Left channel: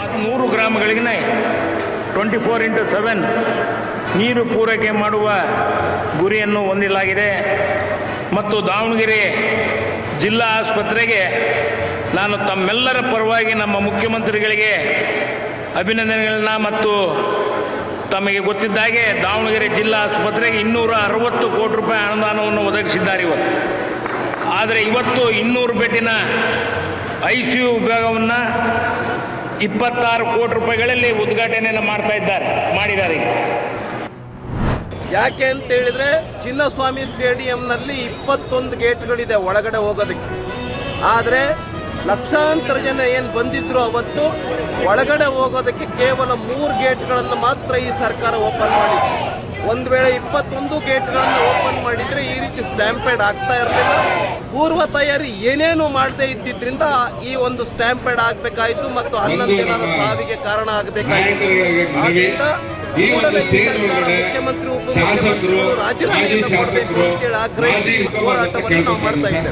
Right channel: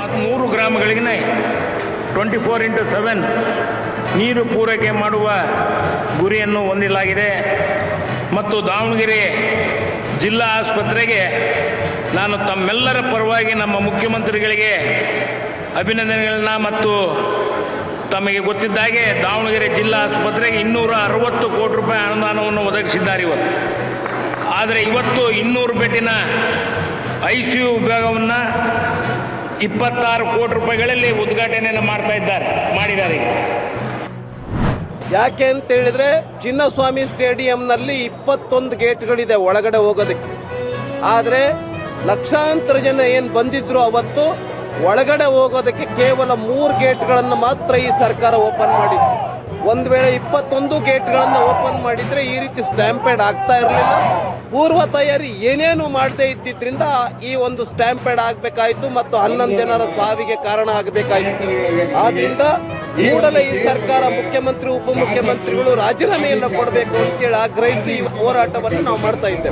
100 ಗ್ರಾಮಗಳಿಗೆ 24x7 ನೀರು ಪೂರೈಕೆ ಮಾಡುವ ಗುರಿಯನ್ನು ಹೊಂದಲಾಗಿದೆ. ಮತ್ತು ದಾವಣಗೆರೆ ಜಿಲ್ಲಾ ಆಸ್ಪತ್ರೆಗೆ ನಾನು ತಮ್ಮೆಲ್ಲರ ಪರವಾಗಿ ನಮ್ಮ ಮುಖ್ಯಮಂತ್ರಿಗಳಿಗೆ ಅಭಿನಂದನೆಗಳನ್ನ ಮತ್ತು ತಮಗೆ ಗೊತ್ತಿದ್ದಾಗೆ ದಾವಣಗೆರೆ ಜಿಲ್ಲಾ ಆಸ್ಪತ್ರೆಗೆ 260 ಕೋಟಿ ರೂಪಾಯಿ ಅನುದಾನವನ್ನು ಒದಗಿಸಿದ್ದಾರೆ ಇವತ್ತು. ಆದರೆ ಇವತ್ತು 200 ಬೆಡ್ಡಿನ ICU ವಿಭಾಗವನ್ನು 26 ಕೋಟಿ ರೂಪಾಯಿಗಳಲ್ಲಿ ಉದ್ಘಾಟನೆಯನ್ನು ಮಾಡಿದ್ದಾರೆ. ಯಾಕೆ ಅಂತ ಹೇಳಿದ್ರೆ ಚಿನ್ನಸ್ವಾಮಿ ಸ್ಟೇಡಿಯಂನಲ್ಲಿ 21 ಗೇಟ್ಗಳಿದೆ ಒಳಗಡೆ ಹೋಗೋದಕ್ಕೆ. ಆದರೆ ಲಕ್ಷಾಂತರ ಜನ ಏನು ಬಂದಿದ್ರು ಅವತ್ತು ಒಳಗಡೆ ಹೋಗೋದಕ್ಕೆ ಕೇವಲ 3 ಗೇಟ್ಗಳನ್ನು ಮಾತ್ರ ಈ ಸರ್ಕಾರ ಓಪನ್ ಮಾಡಿದೆ. ಒಂದು ವೇಳೆ 21 ಗೇಟ್ಗಳನ್ನು ಓಪನ್ ಮಾಡಿದ್ರೆ ಈ ರೀತಿ ಸ್ಟ್ಯಾಂಪೇಡ್ ಆಗ್ತಾ ಇರಲಿಲ್ಲ. ಪೂರ್ವ ತಯಾರಿ ಏನೇನು ಮಾಡದೇ ಇದ್ದಿದ್ರಿಂದ ಈ ಒಂದು ಸ್ಟ್ಯಾಂಪೇಡ್ ಆಗಬೇಕಾಯಿತು ಮತ್ತು 11 ಜನರ ಸಾವಿಗೆ ಕಾರಣ ಆಗಬೇಕಾಯಿತು. ಆದ್ರಿಂದ ಕೂಡಲೇ ಈ ಸರ್ಕಾರ ಮುಖ್ಯಮಂತ್ರಿ ಉಪಮುಖ್ಯಮಂತ್ರಿಗಳು ರಾಜೀನಾಮೆಯನ್ನು ಕೊಡಬೇಕು ಅಂತೇಳಿ ಆಗ್ರಹಿಸಿ ಹೋರಾಟವನ್ನು ನಾವು ಮಾಡ್ತಾ ಇದ್ದೇವೆ.